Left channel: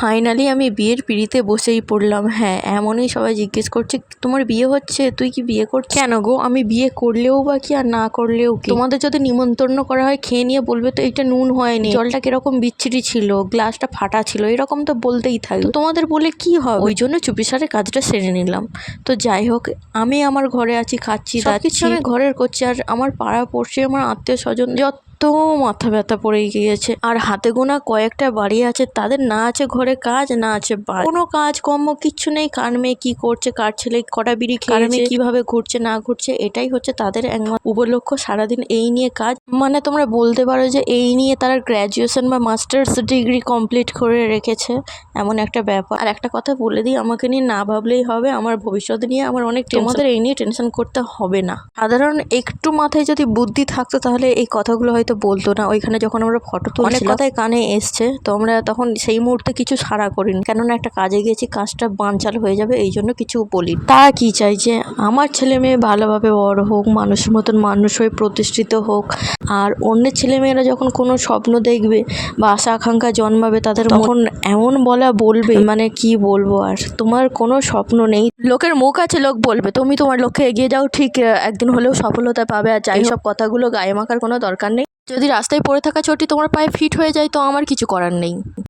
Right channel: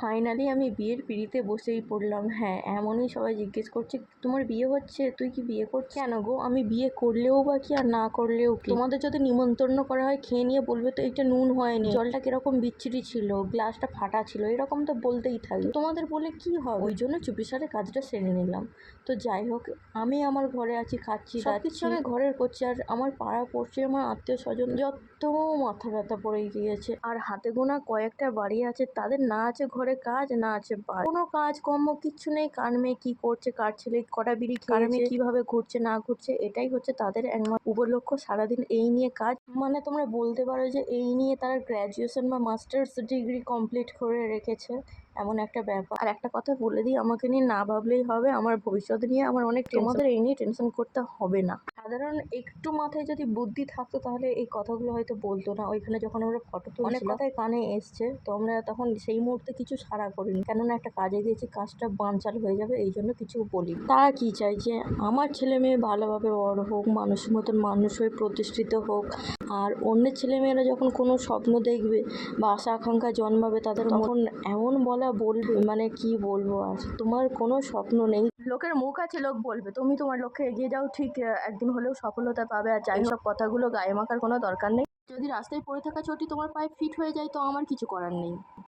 Finally আমি বিয়ের পিঁড়িতে বসেই পড়লাম। হ্যাঁ, এমনই সবাই জিজ্ঞেস করছে, তোমার বিয়ে হচ্ছে, তুই কি বিয়ে করছিস? কেন গো, আমি বিয়ে করলেও বা কি আর না করলেও কি? তোমাদের যদি নিমন্ত্রণ করা হয় খেয়ে নিয়ে বলবে তো এটা নুন হয়নি, জলটা কিরকম বিচ্ছিরি ছিল, গ্লাসটা ফাটা ছিল, এরকম তো বলতেই থাকবে। তোমাদের বলে কি হবে? ওই জন্য চুপিসারে কাজটা সেরে নিলাম। তো যাই হোক, আমি আমার ঘরে আছি, খাচ্ছি দাচ্ছি, আমি ঘরের করছি, আর আমার পাড়া পড়ছে, আমার আত্মীয় স্বজন তো মাথা ব্যথা পড়ে গিয়েছে। আর হাতে গোনা কয়েকটা বাড়ি আছে, তাদের না আছে ঘরে কাজ, না আছে কোনো কাজ কর্ম কিচ্ছু নেই। কার মেয়ে কি করছে, কার ছেলে কটা বিড়ি খেয়েছে, কিভাবে ঘুরছে না ঘুরছে, এটাই হচ্ছে তাদের একমাত্র উপলক্ষ্য। সারাদিন এই নিয়ে কাজ, মানে তোমরা বলতে পারো যে এই নিয়ে তারা গ্র্যাজুয়েশন বা মাস্টার্স ডিগ্রি কমপ্লিট করে রেখেছে, এমন একটা ব্যাপার। আর একটা কথা বলে দিই, আমাকে নিয়ে না ভাবলেই হবে, আমার ভবিষ্যৎ নিয়ে আমার অনেক তোমাদের এই নিয়ে টেনশন করতে হবে না। সাধারণ একটু মাথায় যদি বুদ্ধি থাকতো তাহলে এই কথাগুলো হয়তো বলতো না। ওইখানে যখন আমরা ফটো তুলছিলাম অনেক কথাই কানে এসছে, তো আমরা তখন সেই মুহূর্তে কিছু সাড়া করিনি, কেননা একটা কাজে গেছি, কাজটা বানচাল হয়ে যাবে, এই জন্য কিছু বলি। তা কি চাই যে আমার ছেলে মেয়ে ভালোভাবে বড় হোক, মানুষের মতন মানুষ হয়ে প্রতিষ্ঠিত হোক। আর অন্যের ছেলেমেয়েরা যখন কোনো স্বপ্ন দেখবে বা আশা আকাঙ্ক্ষা জন্মাবে, তাদের তখন এমন বলবে, মানে কি বলবো আর, তোমার কোনো স্বপ্ন নেই, লোকের মুখ আছে, লোক বলবে, তুমি তোমার লক্ষ্যে এগিয়ে যাও, ঠিক একদিন হলেও সফলতা পাবে। আর যাই সব কথাগুলো গায়ে মাখার কোনো দরকার নেই। যদি রাস্তায় পড়ে থাকা চটি তোমার পায়ে ফিট হয়ে যায় তো আমার কিছু করার নেই।